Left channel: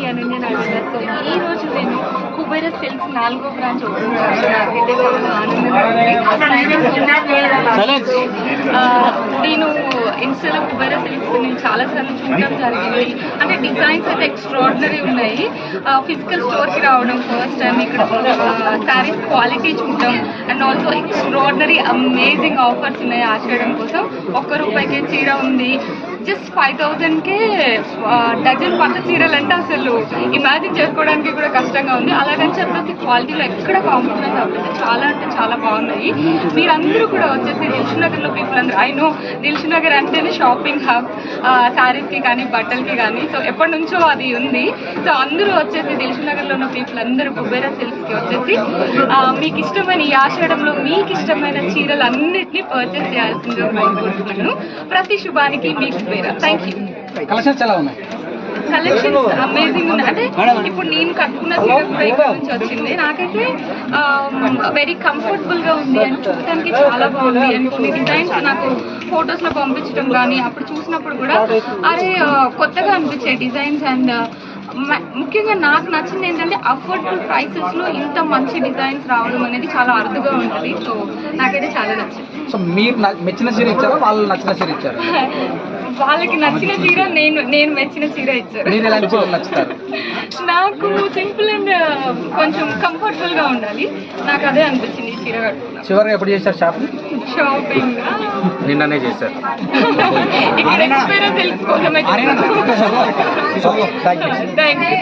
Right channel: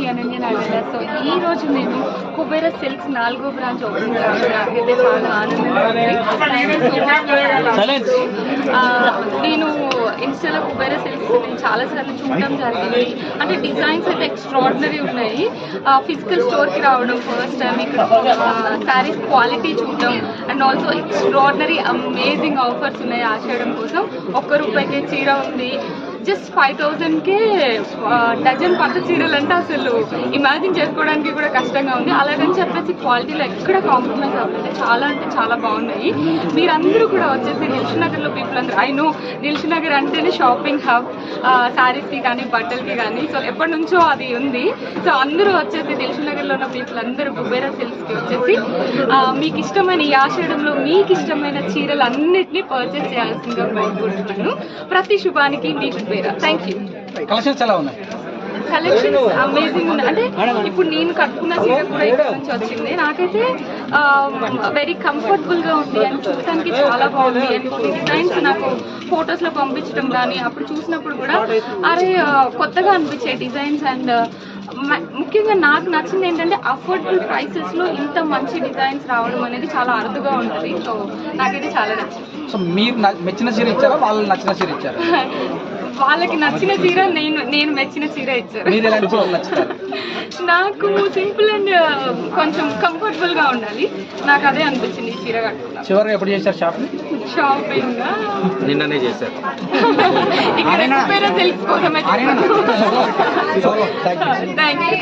మీ Ananya Nageswara. So ఈ రోజు నేను కుబేర సిల్క్స్ 4వ బ్రాంచ్ ఓపెన్ చేశాను. నాకైతే చాలా ఆనందంగా ఉంది. నేను ఇన్స్టాలో కుబేర సిల్క్స్ నేను చాలాసార్లు చూడడం జరిగింది. అంటే డిజైన్స్ అయితే ఎక్స్ట్రాడినరీ ఉన్నాయి. ఫిజికల్ స్టోర్కి రావడం ఫస్ట్ టైం, ఇక్కడ శారీస్ క్వాలిటీ చూడడం and also extraordinary amazing offers ఉన్నాయి. ఆషాఢం కోసం ₹1 చీర ఉంది. జస్ట్ 5000కే డజన్ పట్టు చీరలు అంటే అసలు ఇమాజిన్ చేసుకోవడానికి కూడా కష్టంగా ఉంది. అలాగని చెప్పేసి క్వాలిటీలో ఎక్కడ కాంప్రమైజ్ అవ్వలేదు. చాలా అంటే చాలా బాగున్నాయి. మీరందరూ కూడా వచ్చేసి దిల్షునగర్లో పీపుల్ అందరూ, ఐ నో దిల్షునగర్ అంటేనే షాపింగ్ హబ్, శారీస్కి కానీ బట్టలకి కానీ. సో ఎప్పటి నుంచో అది ఉంది. సో అందరూ వచ్చేసి దిల్షునగర్లో ఉన్న పీపుల్ అందరూ కుబేర సిల్క్స్కి వచ్చేసి మీకు ఇష్టమైన ఈ ఆషాఢంలో మీకు ఇష్టమైన చీరలు అన్నిటినీ పర్చేస్ చేయాల్సిందిగా కోరుకుంటున్నాను. ప్రతి శుభానికి మీకు థ్యాంక్ యూ. కలెక్షన్స్ ఎలా ఉన్నాయి? కలెక్షన్స్ అమేజింగ్ ఉంది. అంటే ఇప్పుడు నేను కట్టుకున్న చీర కూడా ఇక్కడ నుంచి వచ్చింది. నాకైతే వెరీ కంఫర్టబుల్గా ఉంది అని చూడటానికి చాలా బాగుంది. అండ్ కొన్ని డిజైన్స్ నాకు ఫొటోస్లో పంపించడం కానీ అప్పుడు చూసినప్పుడు కూడా అదే కొత్తగా అనిపించే డిజైన్స్. అండ్ ముఖ్యంగా నాకు నచ్చింది ఏంటంటే అఫోర్డబుల్ ప్రైసెస్లో ఇంత మంచి డిజైన్స్ రావడం అనేది చాలా అరుదుగా ఉంటుంది. సో నాకైతే చాలా నచ్చింది. సో మీరు మెచ్చిన చీర ఇచ్చారా, వాళ్ళు నచ్చిన చీర ఇచ్చారా? వాళ్ళకి నచ్చిన చీర, నేను మెచ్చిన చీర ఇచ్చారు. మీరు ఎలాంటి చీరలు నచ్చుతారు? నాకు సింపుల్ అండ్ కొంచెం కంఫర్టబుల్గా ఉండాలి. నాకు అదే అనిపించింది ఈ చీర కట్టుకున్నా. చివరిగా ఎప్పుడు చేశారు షాపింగ్? నిన్ననే చేశారు. ఇక్కడ కుబేర సిల్క్స్ కోసమే. Thank you. Thank you.